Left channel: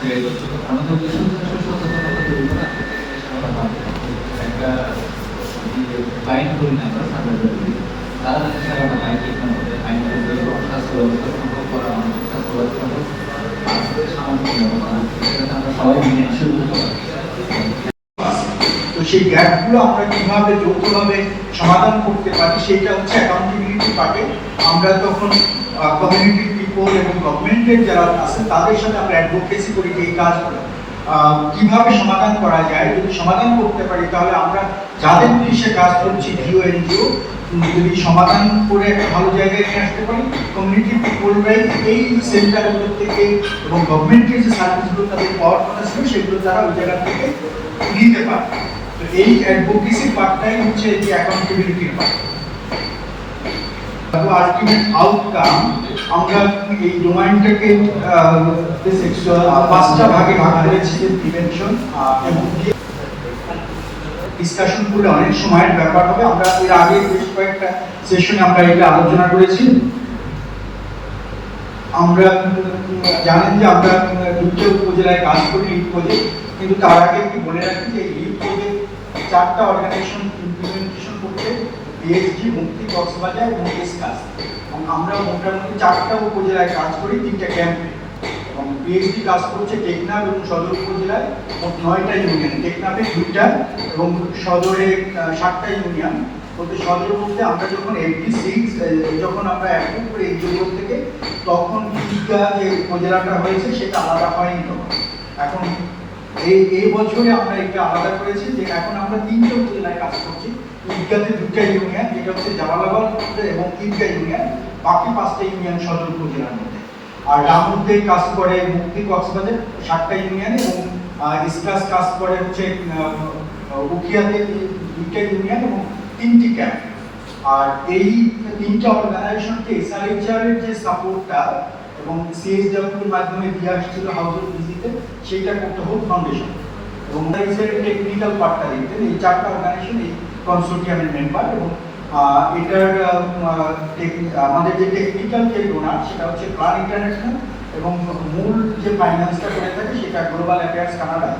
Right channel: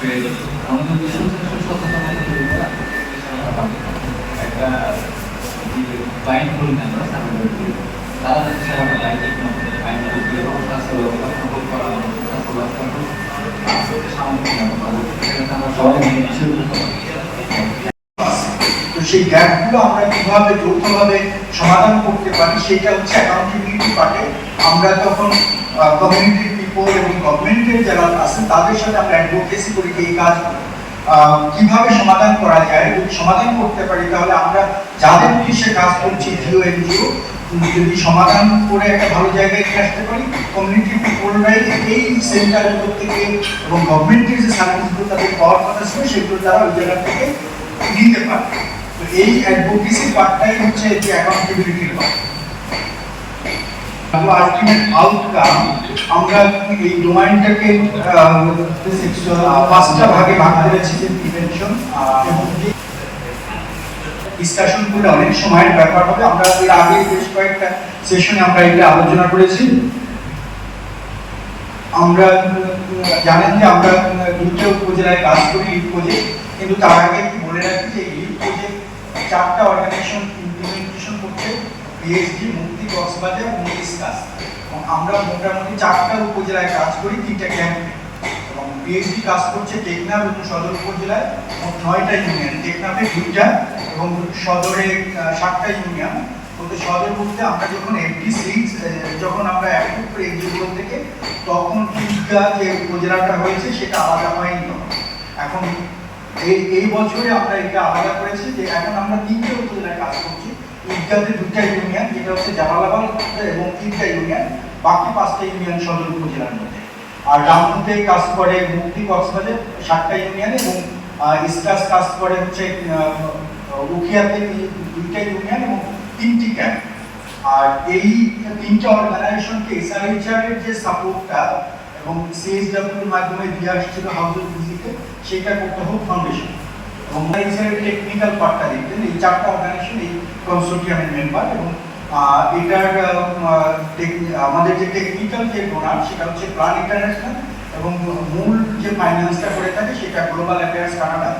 গণতন্ত্র সচেতনতা তৈরি করা একটা লাইন করি না তারা যদি আমরা লাইন ঠিক না করে আইন তৈরি এবং স্বাস্থ্য ব্যবস্থা প্রকল্প করা স্বাস্থ্য ব্যবস্থা সামাজিক ব্যবস্থা আমরা সবাই মিলে শুরু করতে পারি। তো সেই গ্যাপগুলো আমরা কিভাবে যৌথভাবে সমাধান করতে পারি সেটা হচ্ছে অ্যাকাউন্টেবিলিটি পার্টে। আমরা তখন কমিউনিটি পিপল এবং গভর্নমেন্টের যারা আছে তাদের সাথে আমরা অ্যাডভোকেসি করি যে এই কাজগুলো কিভাবে সমাধান করা যায়। যদি সমাধান করতে পারি তাহলে আমরা যাদের উদ্দেশ্যে কাজ করছি জিও এনজিও যদি সমাধান করে একটা ভালো জায়গায় নিয়ে আসতে পারি, কমিউনিটি পিপলরাই এই সেন্টারগুলো থেকে এবং গভর্নমেন্টের যে সার্ভিসগুলো তাদের পাওয়ার কথা ছিল সেগুলো তারা ওই জায়গা থেকে নিতে পারে। তো এই অ্যাডভোকেসি পার্টটাই হচ্ছে যে অ্যাকাউন্টেবিলিটির পার্ট। আলটিমেট আউটকাম আমরা এই ডোমাইনটাকে পাঁচটা ভাগে ভাগ করেছি, যে প্রিভেনশন এবং ডিসকাশন করে অনেক সময়ের ব্যাপার হবে। আমরা এর আগে বেশ কয়েকটা সেশনে আমরা এটা আলোচনা করেছি। আমরা জানেন যে আমরা দুটো উপজেলায় কাজ করি লিড প্রজেক্ট, কিন্তু তার আগে একটু বলে রাখি যে লিড প্রজেক্ট চারটা অর্গানাইজেশন ইমপ্লিমেন্টেশন করছে, পিএইচডি, মুক্তি, কক্সবাজার এবং ইসকাস। এবং আমরা মোটামুটি চারটা উপজেলায় কাজ করি, তিনটা ক্যাম্পে। এবং পিএইচডি কাজ করছে টেকনাফ এবং সদর উপজেলায় 9টা ইউনিয়ন, টেকনাফে 2টা এবং সদরে 7টা ইউনিয়ন। বলতে সদর বলতে আমরা যখন এফডিসি যখন আমরা অ্যাপ্রুভ করি এনজিও থেকে, তখন ঈদগাহ যে উপজেলাটা হয়েছে সেটা আলাদা হয়নি তখন। এখন এই বছরে আমরা এটা আলাদা করেছি যে এখন আমরা 3টে উপজেলায় কাজ করছি। ঈদগাহতে 2টা ইউনিয়ন, যেটা হচ্ছে জামালাবাদ এবং ঈদগাহ ইউনিয়ন, বাকি 5টা ইউনিয়ন সদর উপজেলার মধ্যে। আর রামপুরতে কাজ করে মুক্তি, কক্সবাজার 7টা ইউনিয়ন এবং ইসকাস কাজ করে হচ্ছে উখিয়াতে 2টা ইউনিয়ন এবং 3টি ক্যাম্প। আর এই 3টা অর্গানাইজেশনকে এসআরএইচআর এর যে সাপোর্টটা এবং সিএসডব্লিউ এর মাধ্যমে দিয়ে আসছিল হাউজের ভিজিটে, সেটা করতে হোক ফাউন্ডেশন এবং এসআর এর টেকনিক্যাল পার্টটা দেখবেন। এই 4টা অর্গানাইজেশন এই কনসোর্টিয়ামের মেম্বার এবং এটার আমাদের যে টেকনিক্যাল যে ডোনার সেটা হচ্ছে প্রাণ ইন্টারন্যাশনাল এবং মূল যে ফাইন্যান্সটা করে থাকে সেটা গ্লোবাল অ্যাফেয়ার্স কানাডা।